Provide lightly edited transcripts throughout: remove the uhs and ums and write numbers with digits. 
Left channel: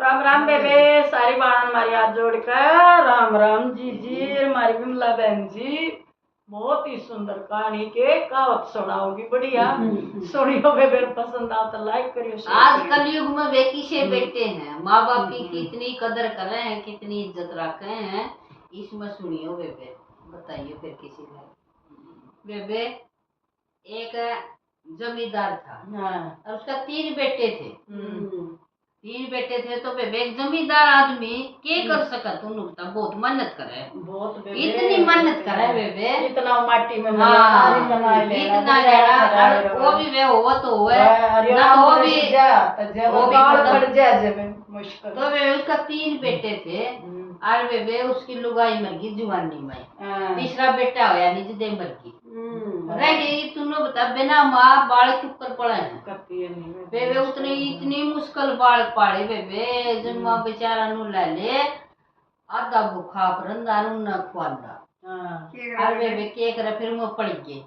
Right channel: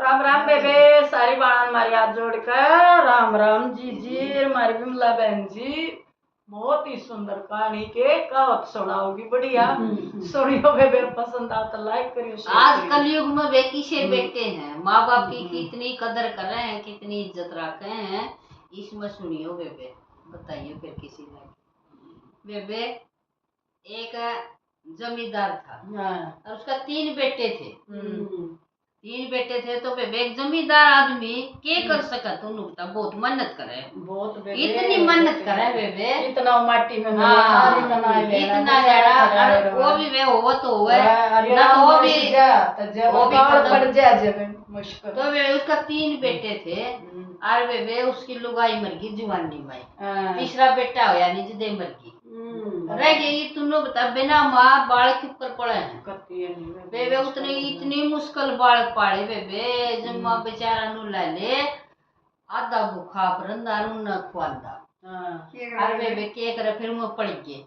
राम राम बेबे, सारी बाणान मारी हाथ जोड़कर राम राम जी जी। मारी विमला बहन जी बहुत ही सुंदर कहानी के कहावत सुनाओगी, बढ़िया सुनियो बेबे। पसंद आओ तो लाइक करियो, शेयर आज करियो। कलयुग में वे किसे बेटे हैं, माँ बाप की कितनी कदर कर रहे हैं, कितनी इज्जत रखे हैं, इसमें सुनियो बेबे। बताइए फिर किसी ने। बेबे एक जमींदार था और उसका 3 बेटे थे। 3 बेटे थे तो बेबे एक जमींदार आदमी क्या कर सका, तुम बहुत मेहनत करे, बहुत बेबे, इतनी मेहनत करे बेबे, इतना माटी में हाँ, इतना इतना जरा वो भी वे हो तो हुए ना, तो वो भी पड़ जाए मुश्किल। तो वे उसका 3 बेटे थे और बेबे उसकी लुगाई मर गई जवानी में। तीसरा बेटा हो यानी जिदे मर गई, रह गई। तुमने बता बिना माँ बाल के ऊपर पड़े हैं बेबे, उतने इतनी मुश्किल बाल पाड़े बेबे, जब माँ बेचारा नु ले ले आधा भूखा परंदा न खुआंदा। और बेबे के करे फिर वो पड़ गए।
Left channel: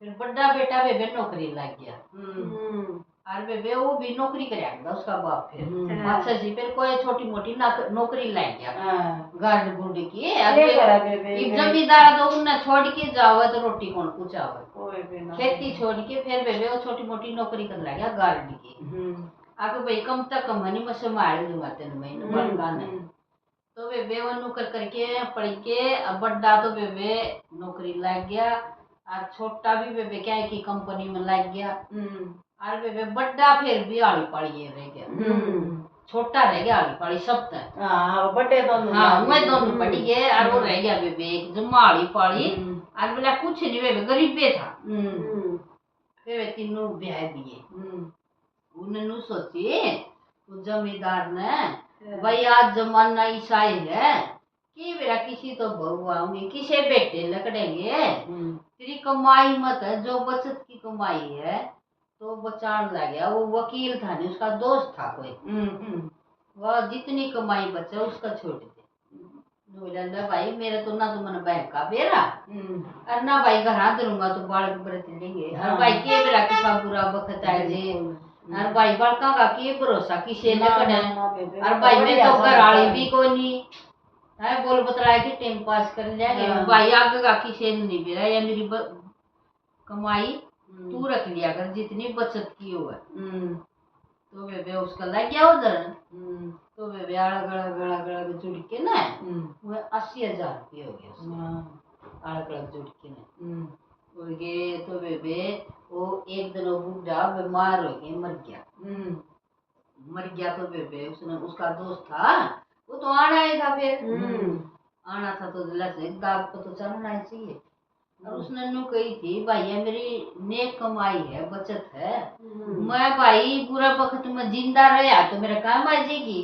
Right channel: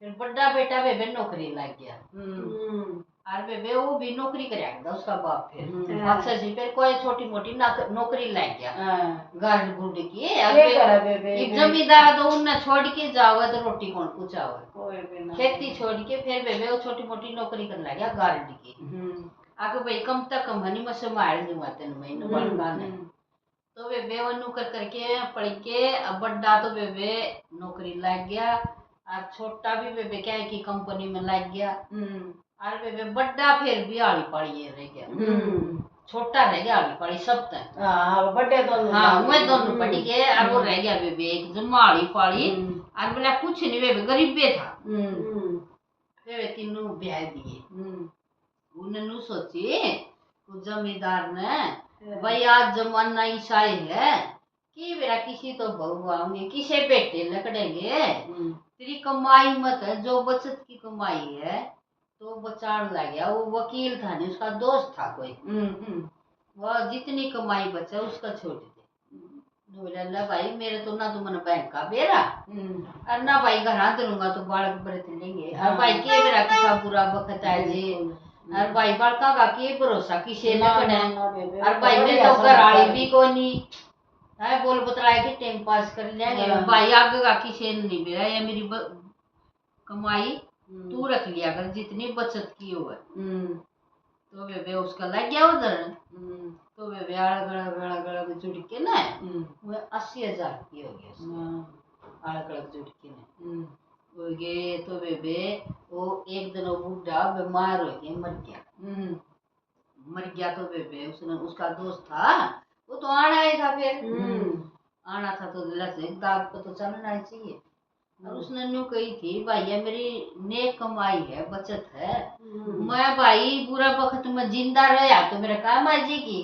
फिर बड़ा बेटा बेबे नौकरी लग गया और बेबे वो भी नौकरी करेगा उसका बाप। फिर अच्छा जी फिर कोई छोटी मोटी नौकरी लग गया गार्ड गुड की। अब जमींदार तो उन्हें छोड़ के जाओगे तो रोटी कौन पूछावे, खेती छोड़ के फिर बेबे वो छोटी मोटी नौकरी करने लग गया गार्ड की। आगे भाई कम तक कम नहीं मैं संभाल दूंगा तेन महीने बड़का ने। तो बेबे वो नौकर करके पढ़ के अब बड़ा तो बेबे नौकरी लग गया और छोटा भी बेबे क्या है कि कंपनी में लग गया। और बेबे बड़ा फिर भी आड़ी पाड़ी रह गया, छोटा रह गया आड़ी पाड़ी सब तक। बड़े दोनों, हाँ वही दोनों पड़ गए और वो रह गया बेबे एक जमा आड़ी पाड़ी। और बोला कुछ नहीं बेबे गरीबे था। बेबे तीनों ब्याह दिए। उन्होंने सोची जमींदार ने भाई आज जमाना ईसाई है कि मेरा किसी तो बहू आऊंगी किसे बेटे लकड़ेंगे, तेरी कमाई मत है जो बचत की कमाई है तो बचाने लग गया। वो वकील था नहीं, उसका दोस्त था कोई, वह जितनी कमाई बचा उसका छोड़ दे। बोला भाई मेरे तो ना तो मन बैंक का बेरा और ना भाई घर दूंगा तो बालक बड़े लेंगे और भाई के बेरा किसा बुरा वक्त है जी और भाई बड़का का के भरोसा किसे लगना और भाई मैं तो घराली भी कोई नहीं है, बोल बतलाए के टाइम पास कर लिया भाई आगे का किसे नहीं बेरा, या मेरी कमाई तू रख लिया कर जितनी बचत की हो। तो बेबे उसका लग गया उधर। तो बेबे अलग जुड़ के ना वो 80,000 की हो गया अलग जुड़ के ना हो गए। तो बेबे वो एक दिन वो बुढ़ा बीमार हो गया मर गया। तो बेबे उसने उसका दोस्त था वो तो आना ही था, फिर आना था तो दाग को तो चलना ही चाहिए। और उसने नु कही थी भाई ये मेरी नेक कमाई है बचत है, मैं भाई बुरा वक्त में जिंदा रहा तो मेरा काम आ जाएगी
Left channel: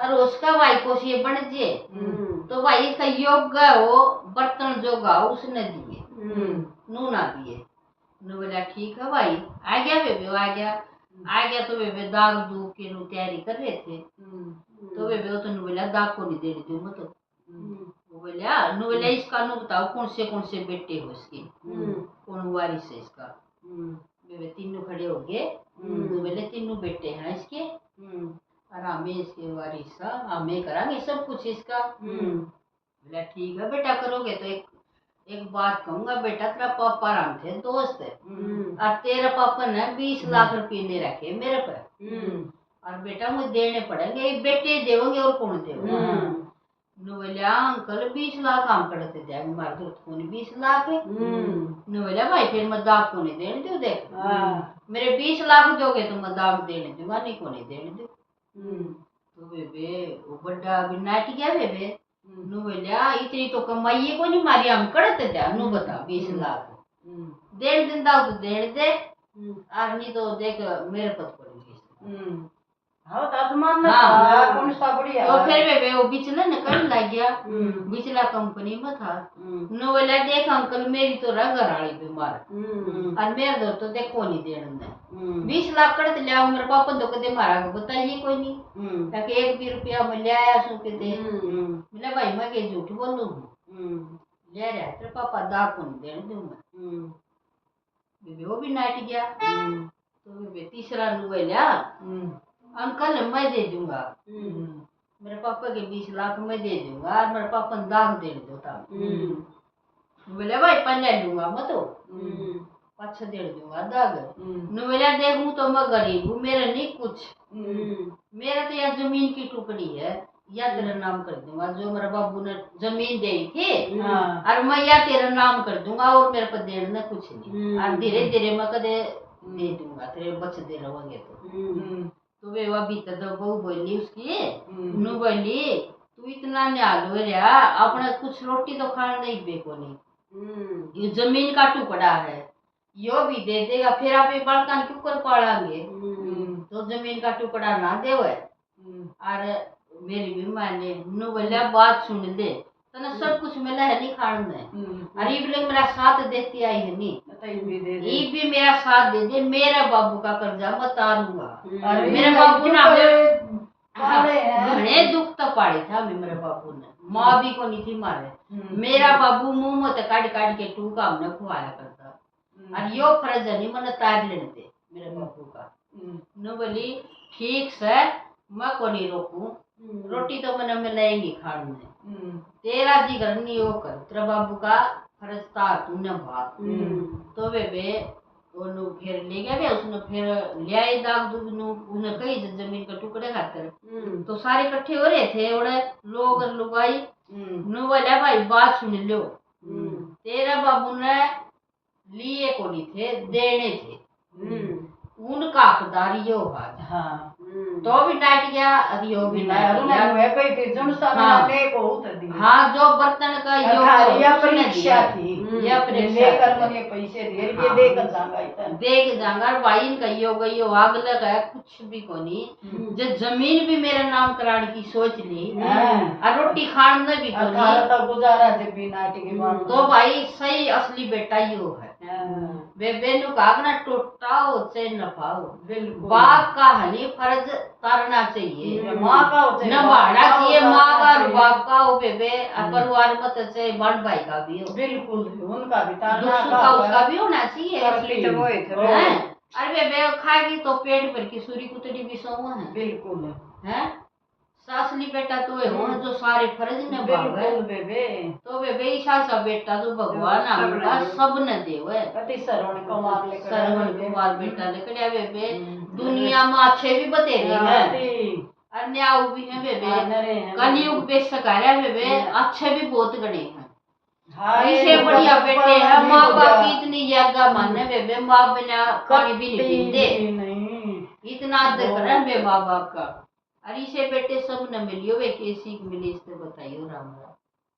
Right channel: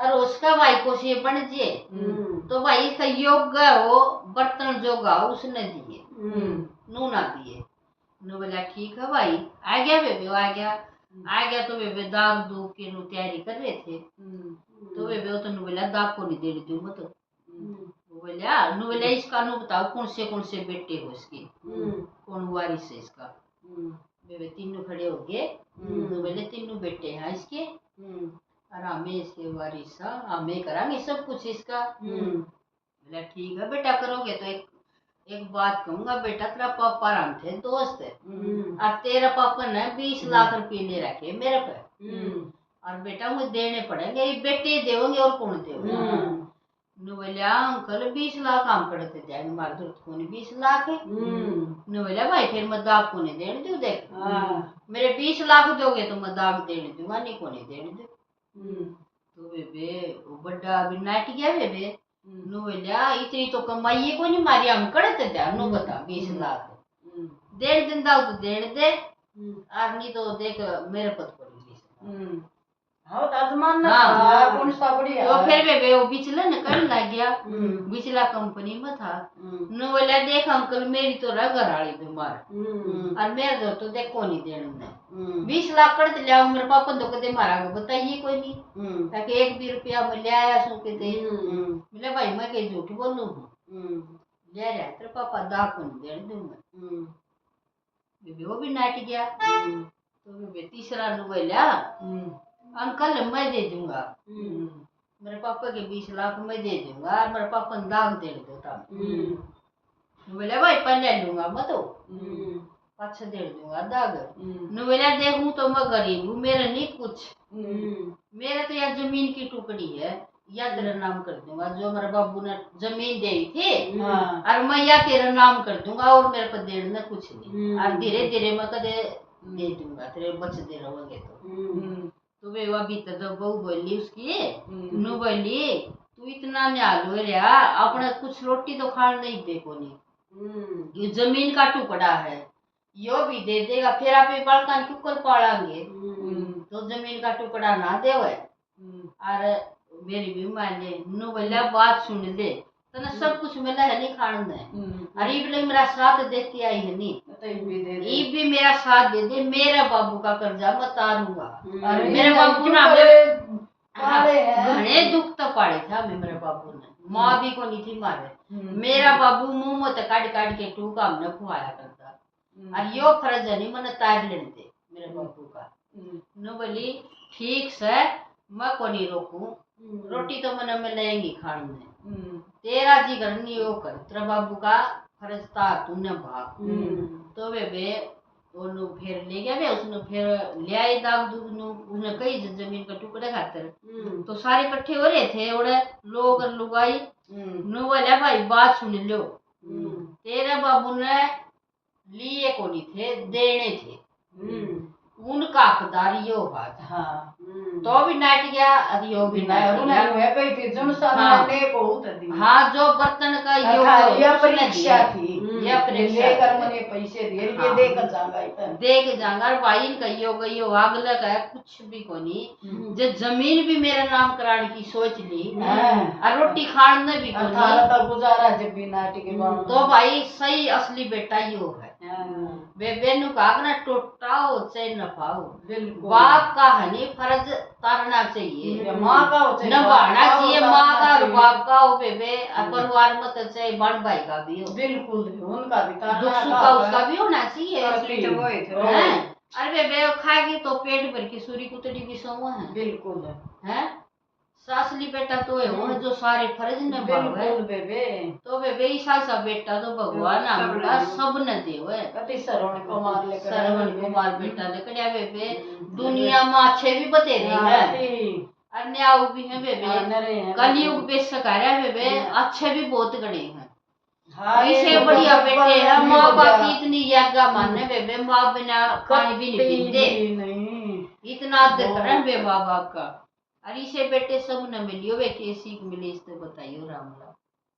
और उसका भाई को से बन जे तो भाई इसका योग्य हो बर्तन जोगा उसने दिए नू ना दिए। नु बोला ठीक है भाई आ गया बेबे, आ गया तो बेबे दाग दूग के नु तैयारी कर रहे थे। तो बेबे वो तो नु बोला दाग को नहीं देने दूँ मत। बोले इसका नु बताओ कौन से बेटे हो इसके, कौन वारिस है इसका। बेबे तीनों खड़े हो गए, बोले तीनों बेटे हैं इसके और हमें इसके वारिस हमें करांगे सब कुछ इसका। बोला ठीक है बेटा करोगे तो एक बात कहूंगा बेटा, तेरा पापा राम थे दोस्त और तेरे पापा ने 20 लाख रुपए ले रखे मेरे पे और बेटा मुझे देने पड़ेंगे, बेटे देवोगे और कौन देवोगे। बोलिया अंकल 20 लाख हम पड़ते जाएंगे मारे दोस्त को 20 लाख है। बोलिया भाई फिर मैं दाग को नहीं देने दू, देख मेरे 20 लाख दोगे तो मैं दाग देने दूंगा नहीं को नहीं देने दू। तो बेबे वो बड़ा अभी नाट गया बेबे। नु बोलिया इतनी तो कमाई को नहीं मारी हम करते थे, नु बता 20 लाख देने दिन दाऊ तो देने दे और नहीं तो देख मेरे पद पर 20 हाँ तो आजमान ना था कौन सा बढ़िया। तो फिर बेबे वो बिचला निकल लग गया, बिचला कंपनी में था। नो बोला देख अंकल मेरी तो घराली बीमार और मेरे तो देखो नहीं देने 20 लाख कर लिया मेरे पापा तो कदे मारा बताइए कोई नहीं ताकि एक भी रुपया मैं ले आया सो के दे। बोला भाई मैं कहीं झूठ बोलूं ले रहा तेरे पापा दा को नहीं देने दूंगा। बेबे वो भी नाट गया। तो बेबे तीसरा नु बोला अंकल मैं दे दूंगा, मेरे पापा के 20 लाख मैं दे दूंगा और मेरे पापा ने दाग दे दो तब। बोले भाई पहले लूंगा मैं तो पाछे दे दूंगा दाग। नु बोला देखूं तो मैं गरीब हूँ, मेरा नहीं कुछ, मेरा तो यार जमीन की टुकड़ी है, या तेरा नाम कर दूंगा, जो मेरे बाबू ने जमीन दे थी और मैं या तेरा नाम कर दूंगा और मेरे को देना कुछ नहीं, और धीरे धीरे मैं कदे दे दूंगा तेरे बचते रहोगे तो वे वो भीतर तो बहू बोली उसकी, नु बोली तू इतना न्याल हो रहा, अपने कुछ रोटी तो खाने नहीं बेकोनी, ये जमीन का टुकड़ा है, यो भी दे देगा फिर आप एक बालकान क्यों कर पालेंगे, तो जमीन का टुकड़ा ना दे। और मेरी भी माने नु बोला बात सुन ले, तना सब कुछ मिला है नहीं खाने, अरे बोले मेरा साथ देती आई है नहीं, ये भी मेरा साथ दे दे, मेरा बाबू का कर्जा मैं तारूंगा। मेरे बाबू ना घने दुख तो पाड़े था मेरे बाबू ने, माँ भी को नहीं थी मारे, मेरा बाबू मुंह में तो काट काट के टूका हमने खुआया करता, और यो फर्ज नहीं मैंने तार लेने दे मेरे बाबू का। नु बोली ठीक से मैं को नहीं रोकू, रोटी तो मैंने मिलेगी खाने में, तेरा जी घर नहीं हो कर, तेरा बाबू का फर्ज था तूने भाग। तो वे दोनों फिर ले गया वे, उसने फिर ले आई दाग दूध नु, उसने कही जमीन का टुकड़े खातर, तो सारे इकट्ठे हो रहे थे ओड़े लोग और लुगाई। नु बोला भाई बात सुन लो, तेरे बाबू ने लिए को नहीं थे देने थे, उनका हकदारी यो बात। हाँ तो भी नाट गया, अरियो भी नाट गया, है कई थे जन सामने को होत दी। हाँ जो बर्तन का यो या परीक्षा थी, या परीक्षा लेकर मने पैसे दे ये देकर जांगा इतना देख जांगा भाई इनका यो गई यो आग लगा कुछ भी कोनी, जो जमीन भी मेरा नाम कराने की सोच ली और रोटी खाने भी कोनी, अर्थात गुजारा जब भी नाटी के बाद तो भाई सही असली बेटा यो है। वे बेनु का ना टोटा हो चाहे न पाओ, बाप का हनी फर्ज तारना चाहिए, माँ का हो चाहे नभाना चाहिए, माँ का और बाप का हो बेबे, परिवार में तो चाहे बड़ भाई का भी हो, बिल्कुल उनका भी तारना दुख सुख का उसका भी होना चाहिए। असली अरे बेबे खाएगी तो पेट भर की सूरी कुतड़ी भी सौ है, बिल्कुल है सासली बेटा तो है वो जो सारे फर्ज ने बिल्कुल बेबे, तो बेबे ईसा सा बेटा तो भगवान हमका सब न देवे, कति श्रवण कुमार लेकर श्रवण कुमार बेटा लेकर आ बेबे, दुनिया में अच्छे भी बतेरे हैं अन्याय भी हैं बेबे, कलयुग पे सकारा बेबे अच्छे भी बहुत गणे हैं, इसे बढ़िया बेटे है, माँ बाप की इतनी यागा माने बेबे, माँ बिना पानी भी नहीं पीते, इतना आदर करें बे माँ बाप का, और इसे बेटे सब न मिलियो वे कैसी मिली इससे बताइयो राम राम।